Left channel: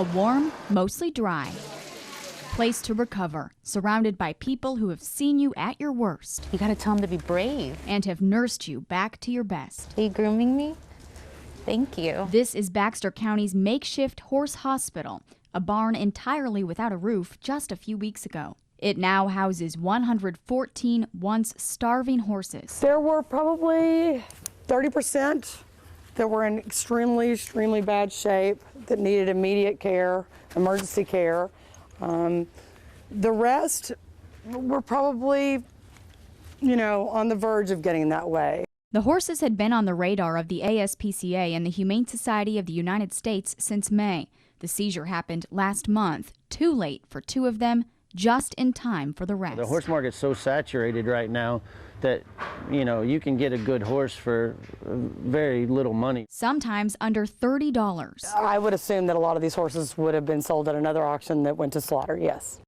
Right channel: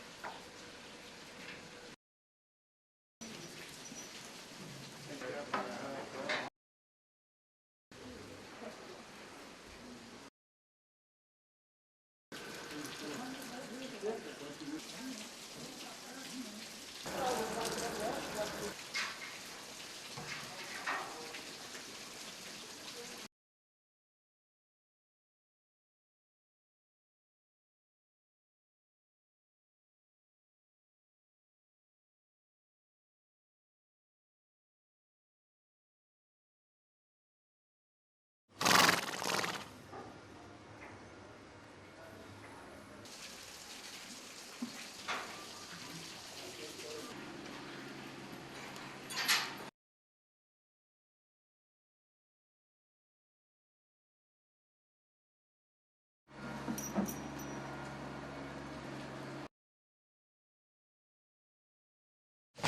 A warm, mostly dry place to recover, surrounded by people who have seen you at your worst. You gotta tell them to be brave. And have nursed you back to your best. Are you grooming me? Thank you. This is Baxter County's makeshift horse hospital, a barn entirely without a roof just a few weeks ago. It now houses 114 once starving horses. There were probably 30% that were in extremely bad shape that needed immediate care, emergency care. The rest were probably, on the verge of getting that way. The horses had been on the radar of the ASPCA and the Humane Society of the United States since May. The seizure happened last month, too late for 2 of them, just in time for the rest. The horse market's so saturated right now that, you can get a good horse for very little money. Sometimes under $30. I would assume that a lot of these horses would have been sold at another auction that went to slaughter, yes.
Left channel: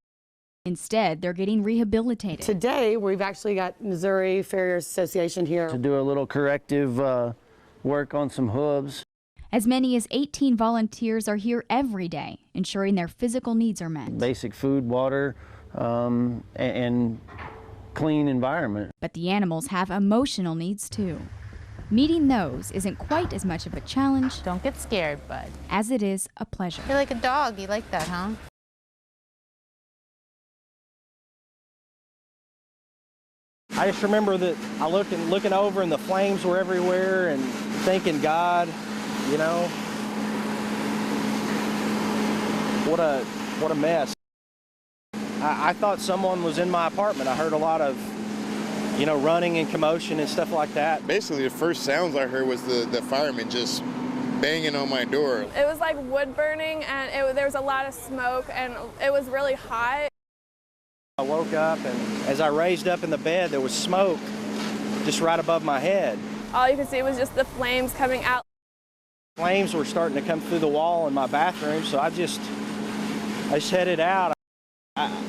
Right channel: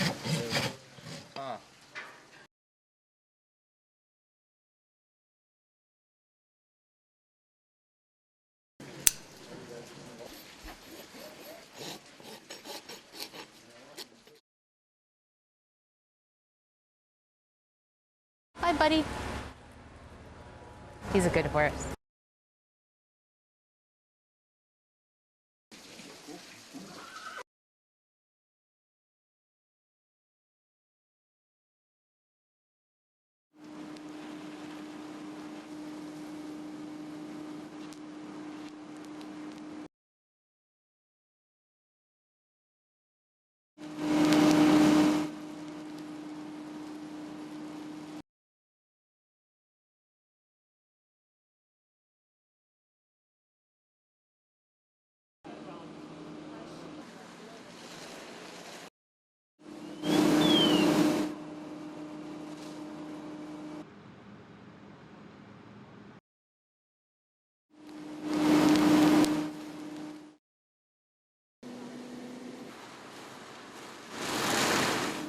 Instead, they're getting rehabilitated. Today, we've actually got Missouri Farriers Association here To do a little corrective work on some hooves. As many as 18 volunteers are here every day, ensuring their physical needs are met. Basic food, water, and clean environment. Hi, buddy. But the animals have emotional needs too. He's a good horse. Meeting those isn't quite as much of a challenge Don't get scared, bud. as it is a pleasure. You're like a dog. You like that, huh? I just remember that I looking over and the flames were everywhere and thinking, God, what a mess. I thought someone was in my apartment. I heard a lot of, running and commotion and stuff like that. Basically, the first sounds I heard was the firemen just banging on my door. It was like wood burning, and there was a lot of smoke, and it was really hot. I woke up, and as I raised up in the bed, there was smoke just right above my head. All you could see was just the flames coming out. Flames were starting to come through the wall in my bathroom, so I just headed out.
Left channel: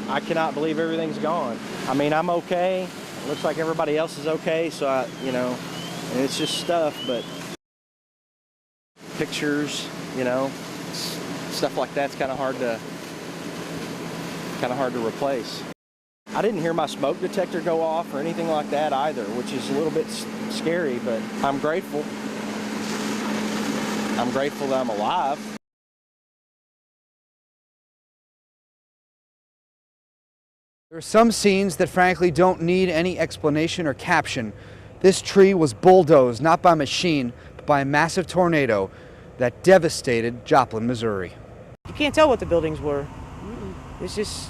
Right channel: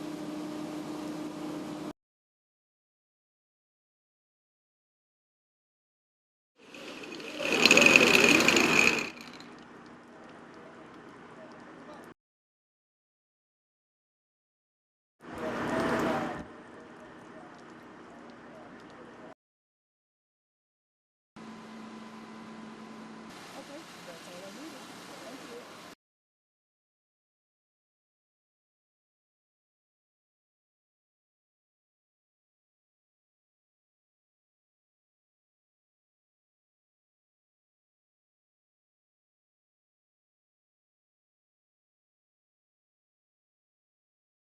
I cannot believe everything's gone. I mean, I'm okay. It looks like everybody else is okay, so and it's just stuff, but pictures, stuff like that's kind of hard to replace. I didn't hear my smoke detector go off or anything like that either, which is a little bit scary, but I'm grateful. I'm grateful that I'm alive. There are some scenes that frankly don't need any explanation or caption. This tree was bulldozed, not by machine, but by a massive tornado that devastated Joplin, Missouri. You can't tell what the buildings were. It's just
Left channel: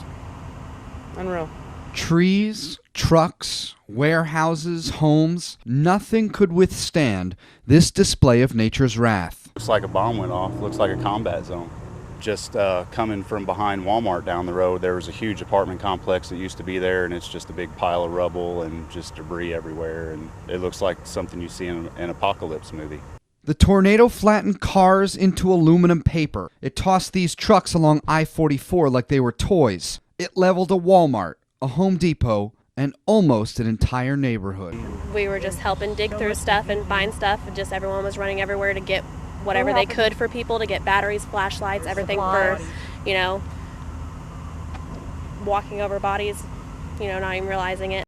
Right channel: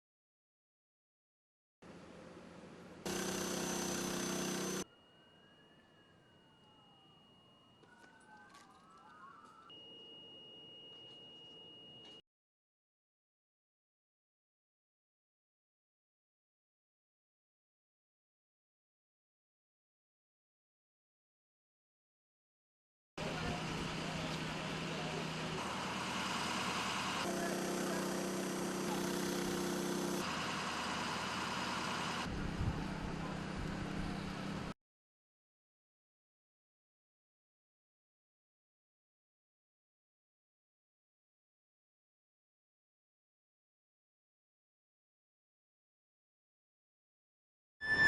unreal. Trees, trucks, warehouses, homes, nothing could withstand this display of nature's wrath. Looks like a bomb went off, looks like a combat zone. Just coming from behind Walmart down the road, there was a huge apartment complex that used to be there, and it's just a big pile of rubble and just debris everywhere, and it looks like something you see in an apocalypse movie. The tornado flattened cars into aluminum paper. It tossed these trucks along I-44 like they were toys. It leveled a Walmart, a Home Depot, and almost an entire neighborhood. We were just helping dig through stuff and find stuff, and just everyone was running everywhere to get whatever they could for people, to get batteries, flashlights, everything for, walking over bodies, not even realizing it.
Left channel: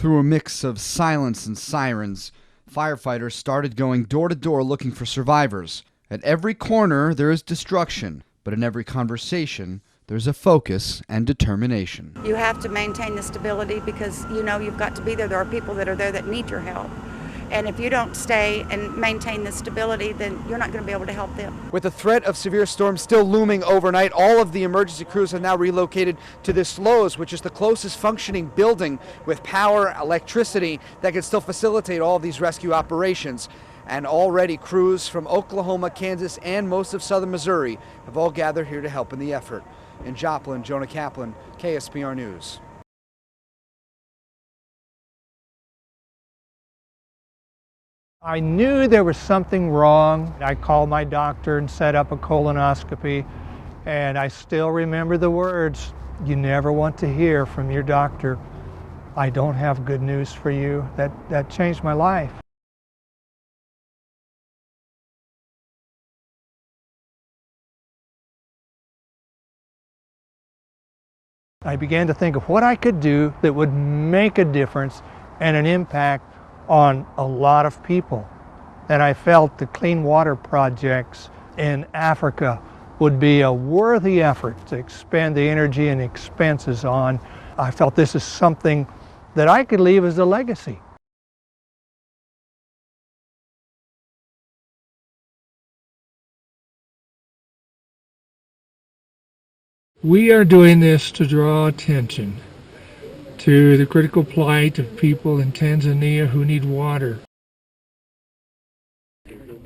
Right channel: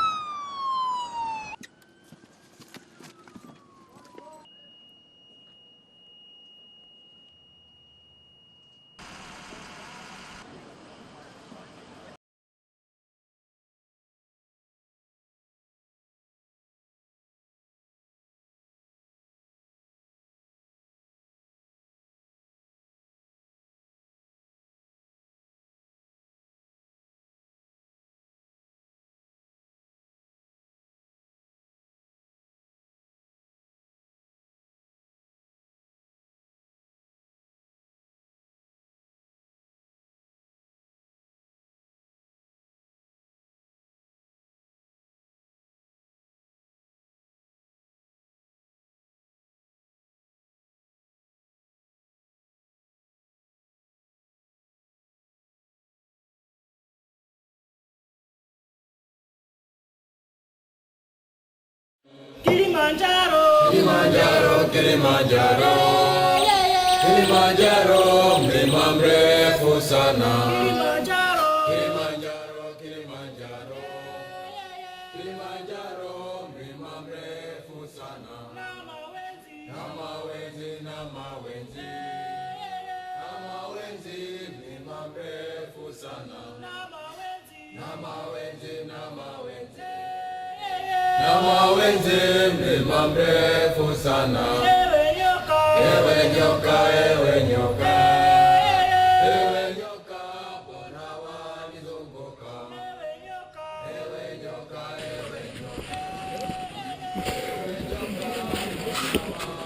Through a mix of silence and sirens, firefighters started going door to door looking for survivors. At every corner there is destruction, but in every conversation there's a focus and determination. You have to maintain the stability because you've got to be there. There are people that are there that need your help. And if you don't stay and maintain the stability, then you're not going to be able to help them. With the threat of severe storms still looming overnight, all of the emergency crews have now relocated to this Lowe's, which is the closest functioning building with power, electricity that can still facilitate all of these rescue operations. And already crews from Oklahoma, Kansas, and most of southern Missouri have all gathered here to help in the effort. In Joplin, Jonah Kaplan, KSPR News. I knew there was something wrong. I called my doctor and set up a colonoscopy, and I still remember the words you never want to hear from your doctor. I don't have good news for you. That changed my life. Kilimanjaro, Kilimanjaro, Kilimanjaro. I began to think of what I could do that would make a difference and an impact on a lot of people. And I felt the clean water projects in Africa would be a worthy effort to expend the energy and expenses on. I felt this is something that I could leave as a legacy. We are doing this to draw attention to the critical plight of people in Tanzania who need water.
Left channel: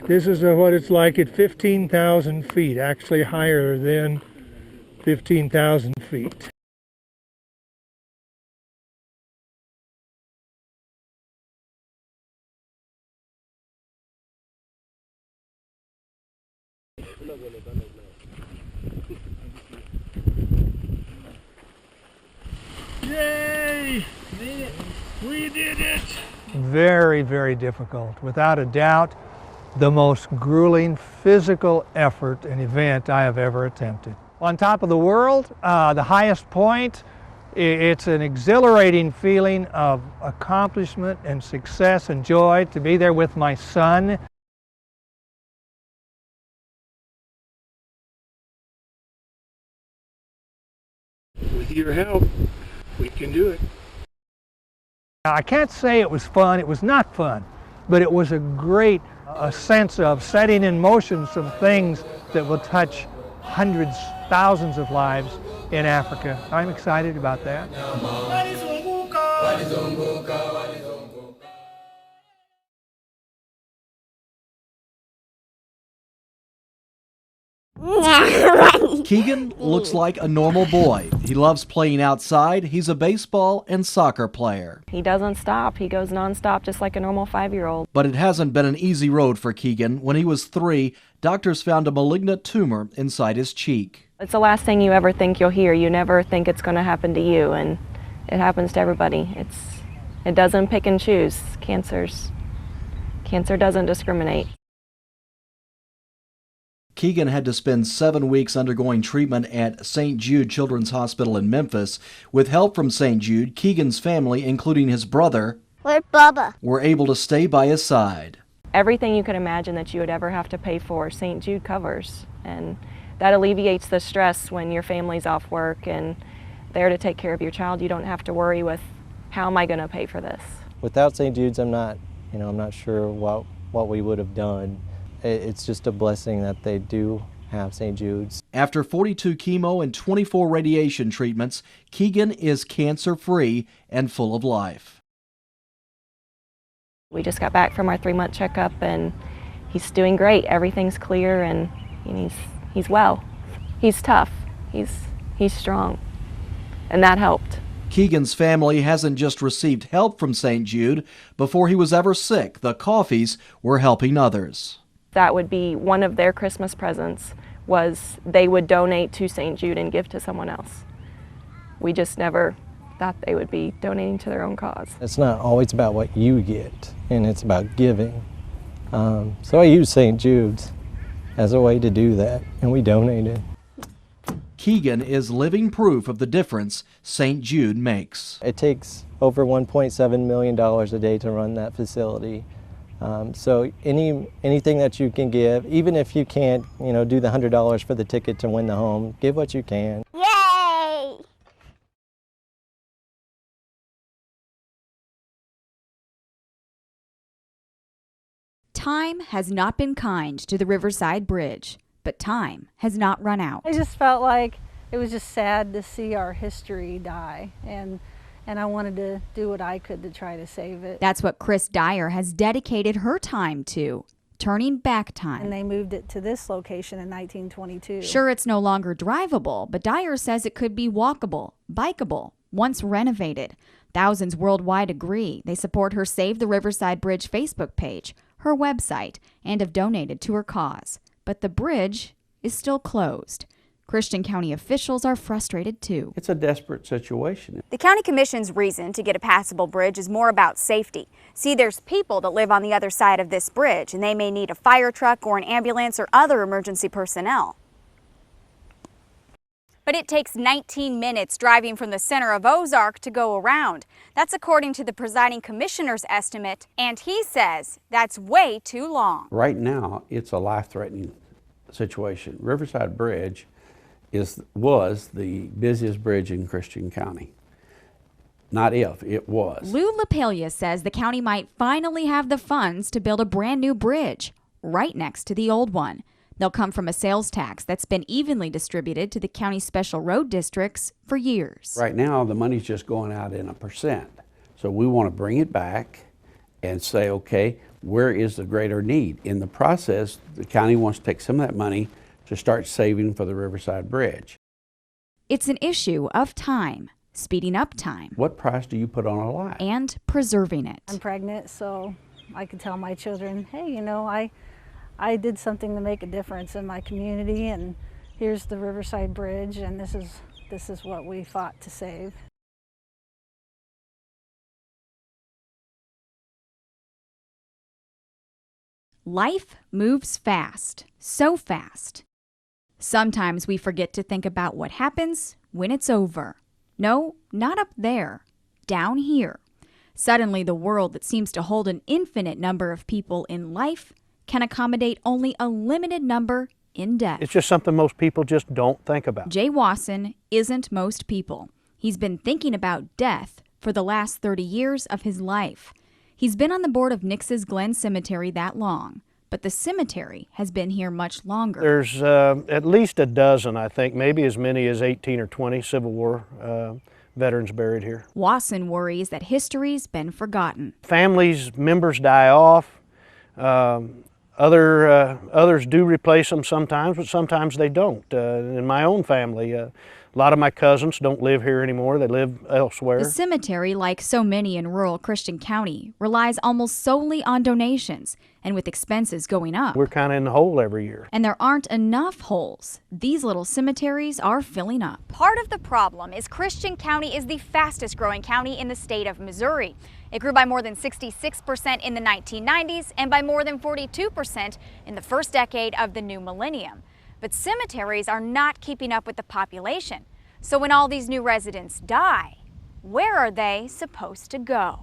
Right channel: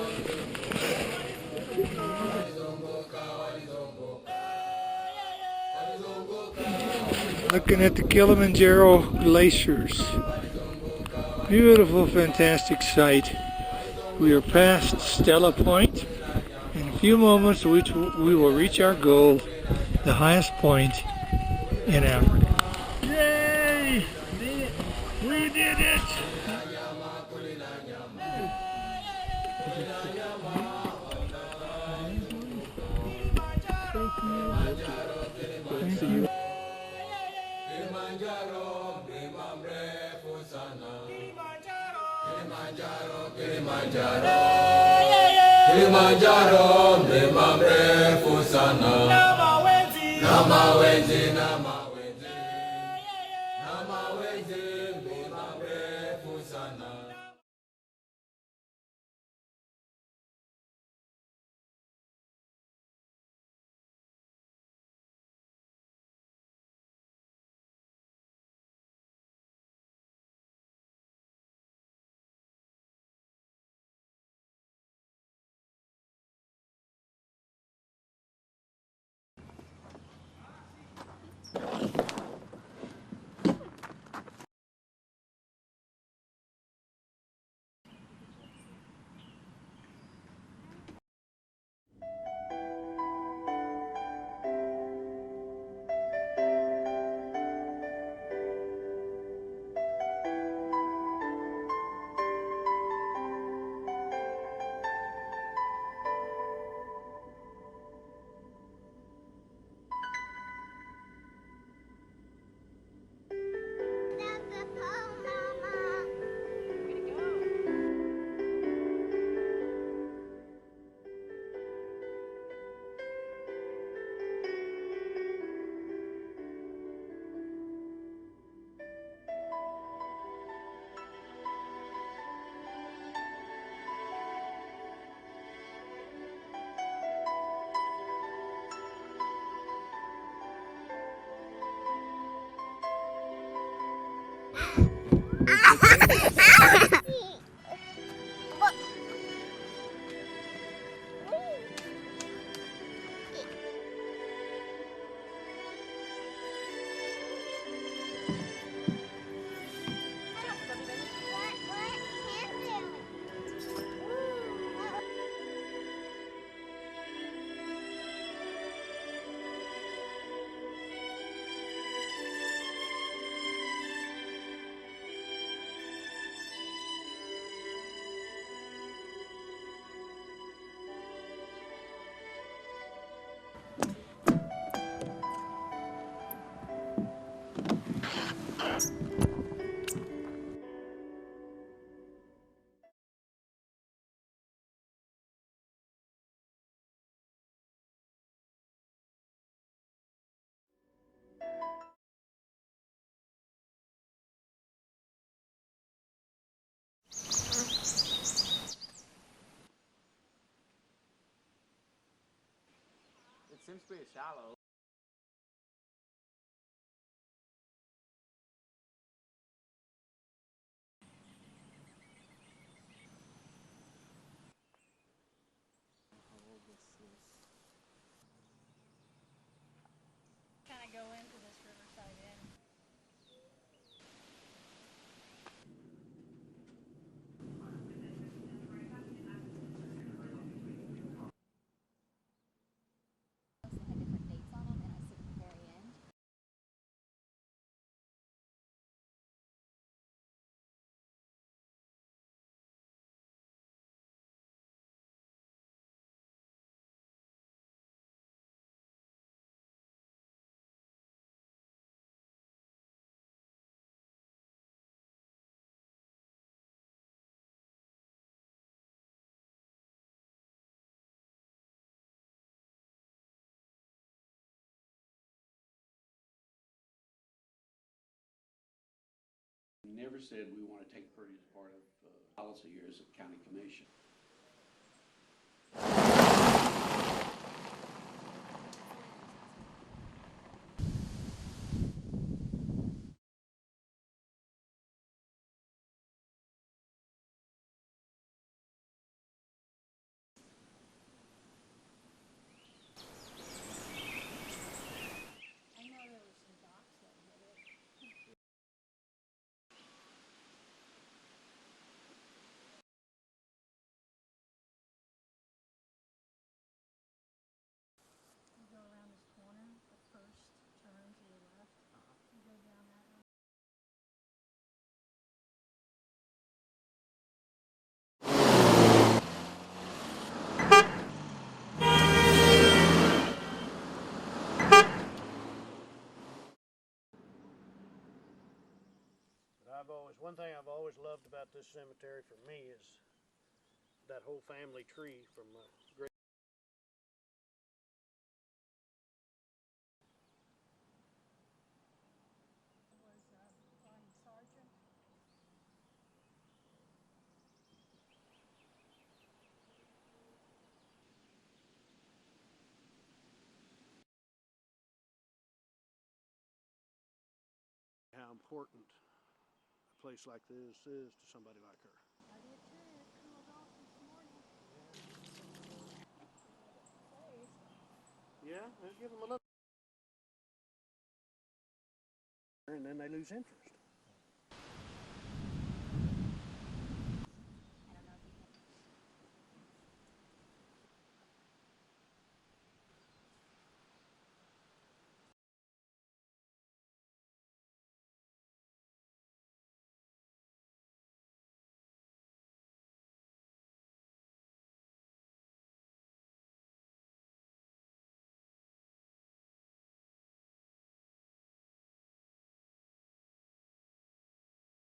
This is what it's like at 15,000 feet, actually higher than 15,000 feet. Looking at the Kilimanjaro glaciers. Beautiful, fantastic sight. We are past Stella Point. In a few moments, we will reach our goal, the highest point in Africa. Yay! We did it! Very, very difficult. Without a doubt, the most grueling physical effort and event I have ever attempted. On top of the world, the highest point, it's an exhilarating feeling of accomplishment and success and joy to be there with my son. With your help, we can do it. I can't say it was fun, it was not fun, but it was a great sense of setting in motion some things that will touch hundreds, thousands of lives in Africa. I'm excited about that. Keegan looks like a normal boy. He loves playing outside. He's a baseball and soccer player. He doesn't stop. He goes nonstop just like a normal 5-year-old. But it hasn't been an easy road for Keegan. When he was 3, doctors found a malignant tumor inside his cheek. It's the last thing you ever think you'll hear. You never think it's going to happen to you, and it happens to everybody. It doesn't pick and choose. Cancer doesn't discriminate. Keegan had to spend 7 weeks undergoing treatment at St. Jude Children's Hospital in Memphis. With help from St. Jude, Keegan's family, including his brother, were able to stay by his side. Everything you could imagine that you would ever have to pay for, St. Jude covers. And that alleviates the stress when your family's off work and there to take care of your child. You don't have to worry with, how am I going to pay for this? Without St. Jude's, I'm not sure what we would have done. It's just a blessing that they do have St. Jude's. After 42 chemo and 24 radiation treatments, Keegan is cancer-free and full of life. We just got back from our 3-month checkup and he's doing great. Everything's clear and he's well. He's tough. He's strong. And that helped. Keegan's family hasn't just received help from St. Jude. Before he was ever sick, the Coffees were helping others. That would be one of their Christmas presents, was they would donate to St. Jude and give to someone else. We just never thought they would be donating to their own cause. It's not always about what you get, and it's about giving. So I use St. Jude's as a way to do that, and we donated. Keegan is living proof of the difference St. Jude makes. It takes over $1.7 million a day to run that facility. So anything that you can give, even if you can't, do the $100 for the ticket to win the home, give what you can. Yay! Time has not been kind to the Riverside Bridge, but time has not run out. I just felt like it was just sad to see our history die, and I wanted to do what I could to try to save it. That's what Chris Dyer has dedicated her time to, turning back time. And they moved it to this location in 1922. Sure, it's no longer drivable, but Dyer says it could be walkable, bikeable, once renovated. Thousands worldwide agree. They support her Save the Riverside Bridge Facebook page, her website, and have donated to her cause. But the bridge is still closed. Christian County officials are frustrated too. It's a desperate situation. The county commission's reason to get a passable bridge is more about safety. See, there's people that live on the other side of this bridge, and they may need a fire truck or an ambulance or other emergency personnel. But it takes 19 minutes driving from the center of Ozark to go around. That's according to the presiding commissioner's estimate, and he says that's way too long. Right now, it's a life-threatening situation. Riverside Bridge was the busiest bridge in Christian County. Not if, it was. Lou LaPaglia says the county might finally have the funds to build a brand new bridge right next to the old one. They'll come from a sales tax that's been evenly distributed to the county's special road districts for years. Right now, the money's just going out in 1%. So we want to bring it back and say, okay, where is the greater need? In the process, the county wants to take some of that money to start saving for the Riverside Bridge. It's an issue of time, speeding up time. What price do you put on a life? And preserving it. I'm pregnant, so I can tell my children, hey, you know, I did something to make a difference in my community, and here's the Riverside Bridge, and this is what we fought to save. Life moves fast, so fast. Sometimes we forget to think about what happens when it's over. No, not up there, down here. Suddenly, the world that seems to hold an infinite number of people in life can accommodate only a limited number in death. It's just something most people just don't think about. Jay Wasson isn't most people. He's been thinking about death for the last 30 years of his life. He's been on the board of Nix's Glen Cemetery that long, but the cemetery has been here much longer. There's at least a dozen, I think, maybe as many as 18 or 20 Civil War veterans buried here. Wasson worries that history's been forgotten. Families, members die off. Others do replace them sometimes, but sometimes they don't. In my own family, a lot of my cousins don't live here anymore. They live elsewhere. The cemetery, like so many in rural Christian County, relies almost solely on donations, and with expenses going up. We're kind of in the hole every year. And there aren't enough holes. These little cemeteries are filling up. Part of the problem is Christian County is the fastest growing county in the state of Missouri. It grew by more than 66% in the 1990s and by more than 42% in the first decade of the new millennium. But cemeteries are not keeping up with the population. So when all these new residents die, where are they supposed to go?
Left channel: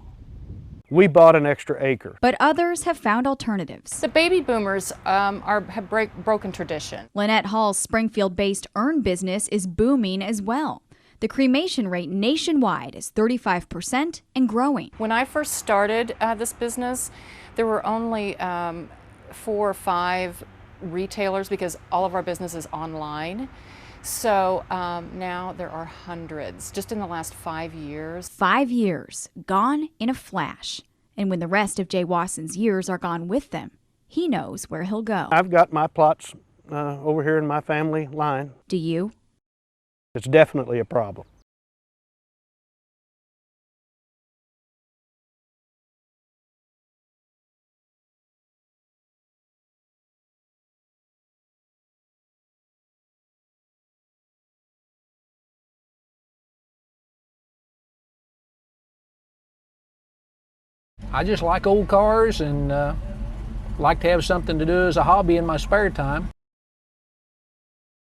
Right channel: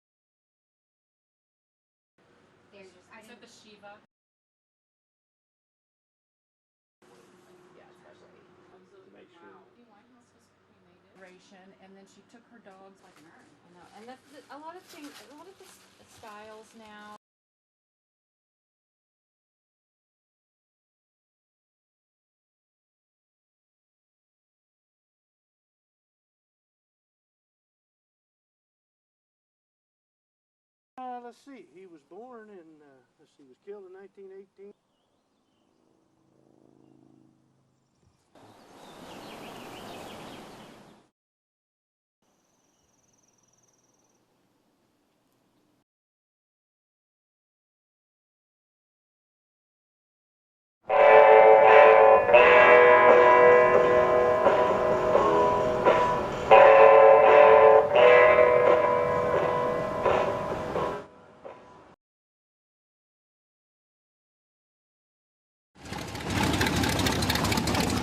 We bought an extra acre. But others have found alternatives. The baby boomers have broken tradition. Lynette Hall's Springfield-based urn business is booming as well. The cremation rate nationwide is 35% and growing. When I first started this business, there were only 4 or 5 retailers because all of our business is online. So now there are hundreds, just in the last 5 years. 5 years, gone in a flash. And when the rest of Jay Wasson's years are gone with them, he knows where he'll go. I've got my plots over here in my family line. Do you? It's definitely a problem. I just like old cars and like to have something to do as a hobby in my spare time.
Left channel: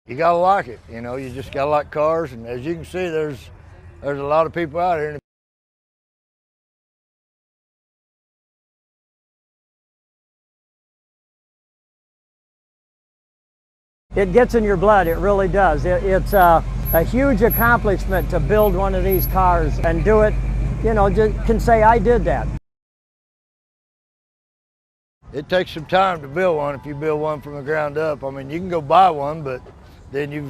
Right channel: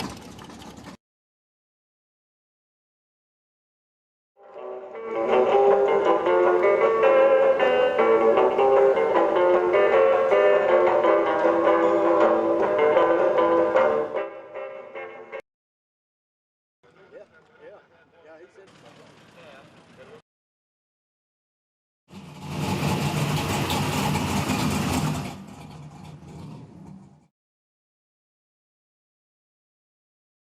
You gotta like it, you know, you just gotta like cars, and as you can see, there's a lot of people out here. It gets in your blood, it really does. It's a huge accomplishment to build one of these cars and do it, you know, just can say I did that. It takes some time to build one if you build one from the ground up. I mean, you can go buy one, but then you're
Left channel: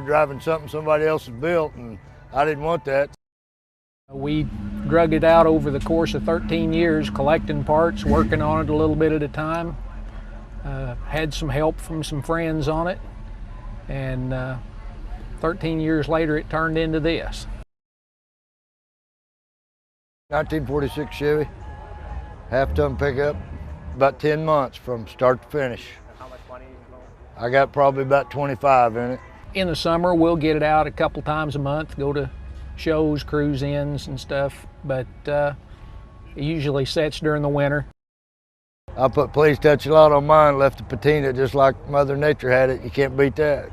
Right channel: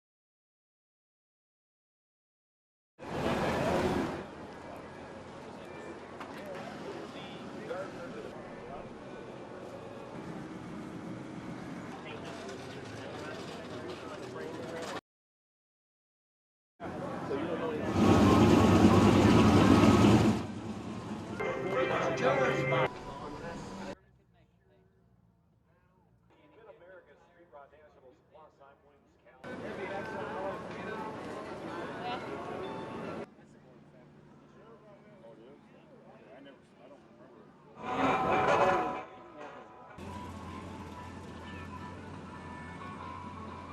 driving something somebody else has built, and I didn't want that. We drug it out over the course of 13 years, collecting parts, working on it a little bit at a time. Had some help from some friends on it, and 13 years later it turned into this. 1946 Chevy, half-ton pickup. About 10 months from start to finish. I got probably about 25 in it. In the summer, we'll get it out a couple times a month, go to shows, cruise-ins and stuff, but it usually sets during the winter. I put Please Touch a Lot on mine, left the patina just like Mother Nature had it. You can't beat that.